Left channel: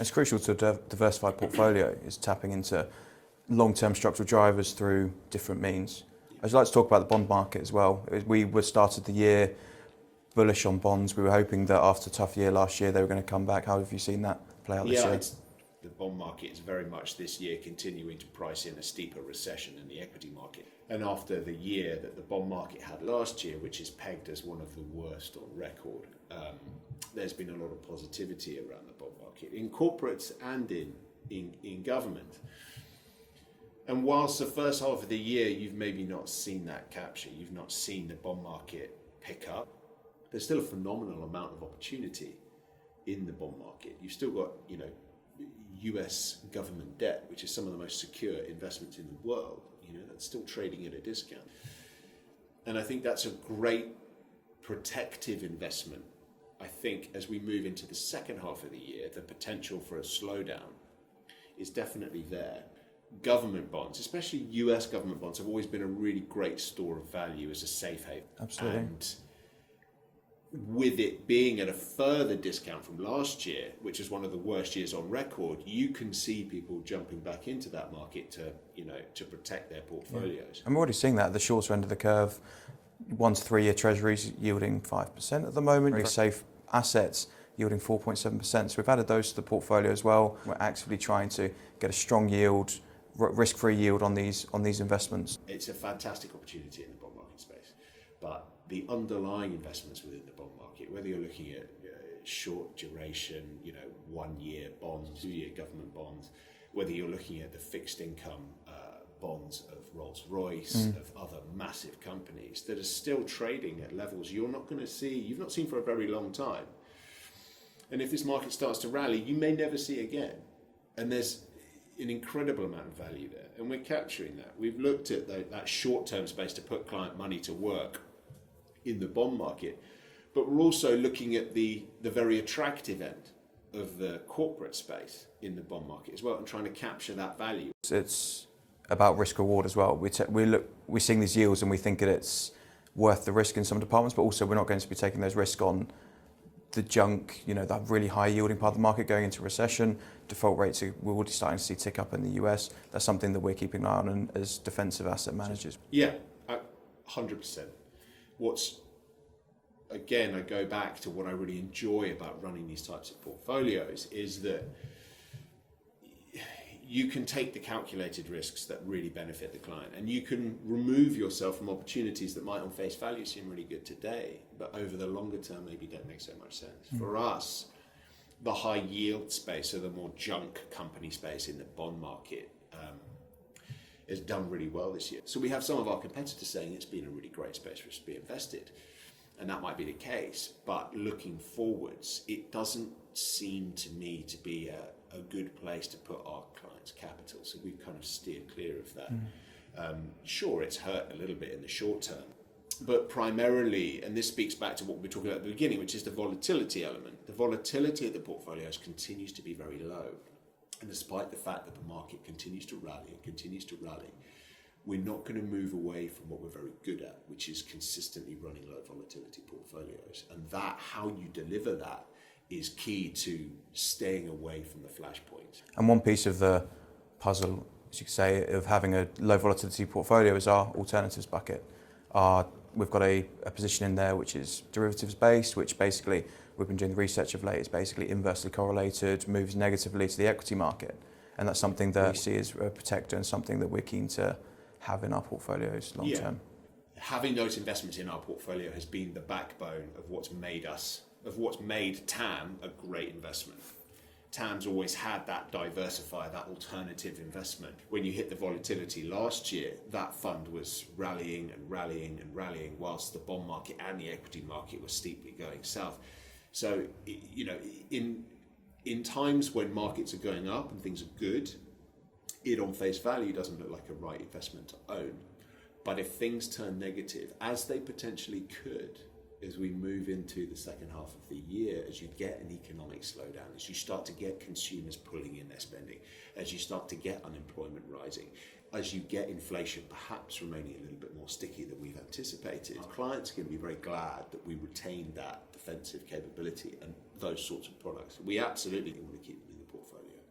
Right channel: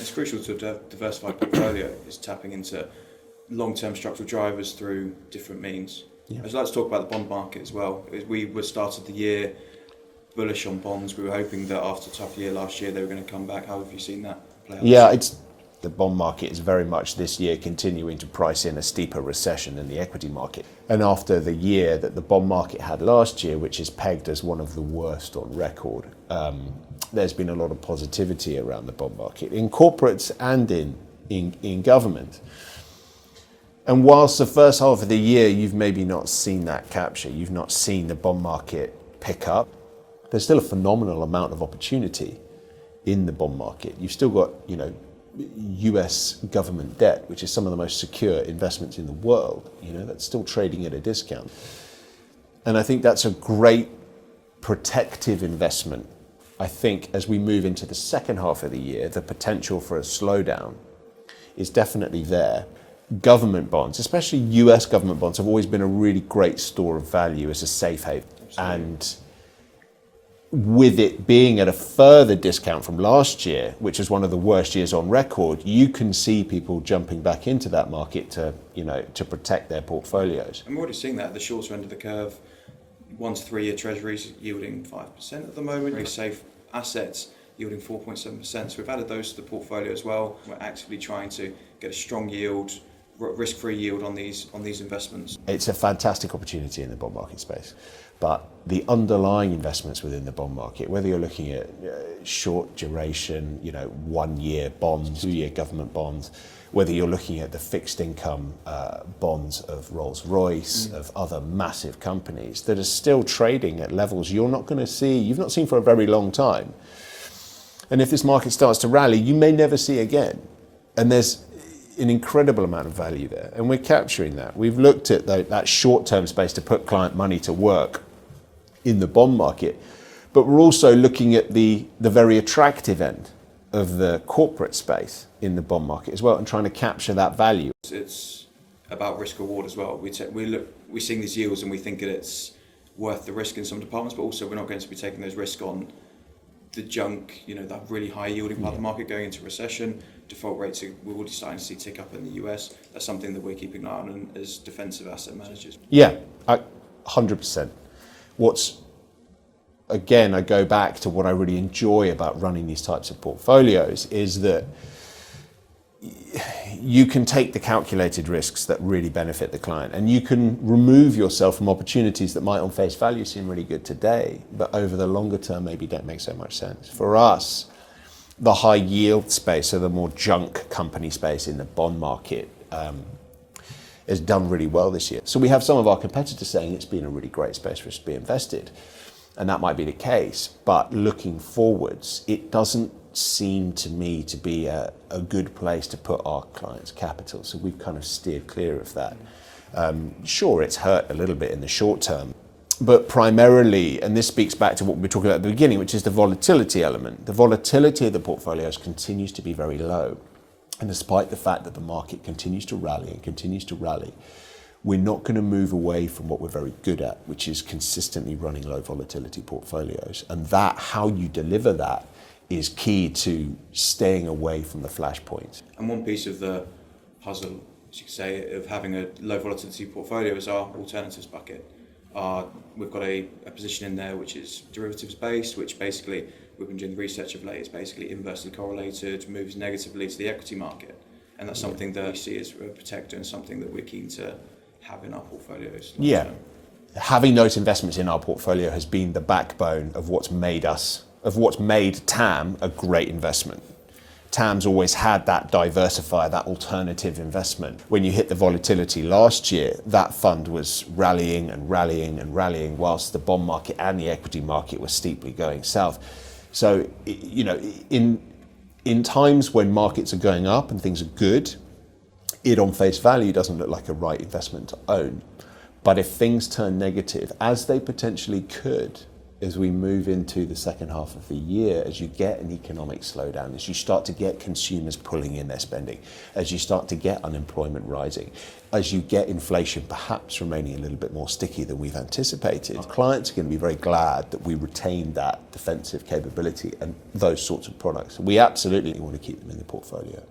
It's crucial to a diversified portfolio is tapping into long-term structural drivers through different means. Yeah. I'd like to talk about the bond market as well. We were started the year bullish on bonds. We were hoping that after a tough year last year, they were going to come back. How have you seen that play out? Yeah, the bond market is very much this year continuing to price in a steeper recession in the equity market. And after the year that the bond market had last year, which is pegged as one of the worst on record, there's been a lot of positivity around the bond market in corporates and in government. And whilst the first half of the year you've maybe not seen that capture, you've not seen the bond market pick up, there's still a phenomenal amount of opportunity in the bond market. You've still got, US government debt, which is some of the most secure investments in the world, that's still trading at a discount. And I think that's a great protective investment. I think as we move into the second half of the year, the potential for a slowdown is definitely there. Government bonds, especially US government bonds, have always been a really great store of value as a safe haven. Absolutely. And with it being at a further discount from last year, which was one of the worst years on record, you can see people jumping back into that market to protect their portfolios. I'm already seeing that at the shorter end of the curve. 1 to 3 year treasuries yielding 5% at the moment. Very safe assets yielding 4.7%. So we've added those to the portfolio as well. We're actively trying to get a strong yield, risk-free yield on these investments. It's a fantastic opportunity in the bond market space. But the underlying investments within the bond market, whether you're looking at short duration, 1 year bonds, 2 year government bonds, whether you're looking at the fixed income bonds of Rolls-Royce, of other massive companies that are still trading at levels you've not seen for a very long time. And if this market starts to rally, you may never see again. And there's an incredible amount of value there. And we're capturing that. We've looked at that short-term space to put client money to work in the bond market, but we're also looking at the very attractive end of the corporate space in the bond market as well, and trying to capture that value. It's about risk reward as well. We're seeing these yields and we think that it's worth the risk in some departments, but also we're not going to be taking those risks on the junk, that really high yielding part of the market going into recession. Default rates we're already starting to see tick up in the US. That's something that we're keeping an eye on as defensive asset managers. Yeah, 100%. Again, I go back to what I really enjoy about running these types of portfolios is that you can take the calculated risks that really benefit the client, and you can remove yourself from opportunities that might on face value seem really good today, but over the longer term maybe don't make so much sense. For us, the high yield space, so the more junk company space in the bond market, has done really well this year. So we have some of our competitors saying it's been a really great space for us to be invested, and that might be the case, but looking forwards, it doesn't seem to me to be a good place to put our clients' capital. So we've kind of steered clear of that. Sure, it's hurt a little bit in the short term, but primarily, and this speaks back to what we were talking about at the beginning, which is the volatility element. The volatility of the portfolios continues to be very low. And despite the fact that the market continues to rally, we're not going to move away from what we're very good at, which is consistently running low volatility portfolios. And how you deliver that is key to staying away from the flashpoints. And one piece of the puzzle, as you could say, of having a low volatility portfolio is our alternatives bucket. We've got a position in there which is derivatives based, which basically we've been doing the research of late. It's basically inversely correlated, moves negatively to the equity market. And that's something that we see as a protector and something that we're keen to have in our portfolios long term. Having those investments in our portfolio has been the backbone of what's made TAM a great investment. TAM's always had that diversifier, that alternative investment. When you hit the volatility last year, that fund was rallying and rallying and rallying whilst the bond market and the equity market were steeply going south. So, in times when markets are going up and things are good, it on face value doesn't look like a right investment to own. But if things turn negative, as they potentially could as we move into the second half of the year, as you get an economic slowdown, as you start to get consumers pulling in their spending, as you start to get unemployment rising, as you get inflation perhaps remaining a little bit more sticky than we've anticipated, clients are going to be very glad that we retain that defensive capability and those sorts of products. We absolutely want to keep them in the portfolio.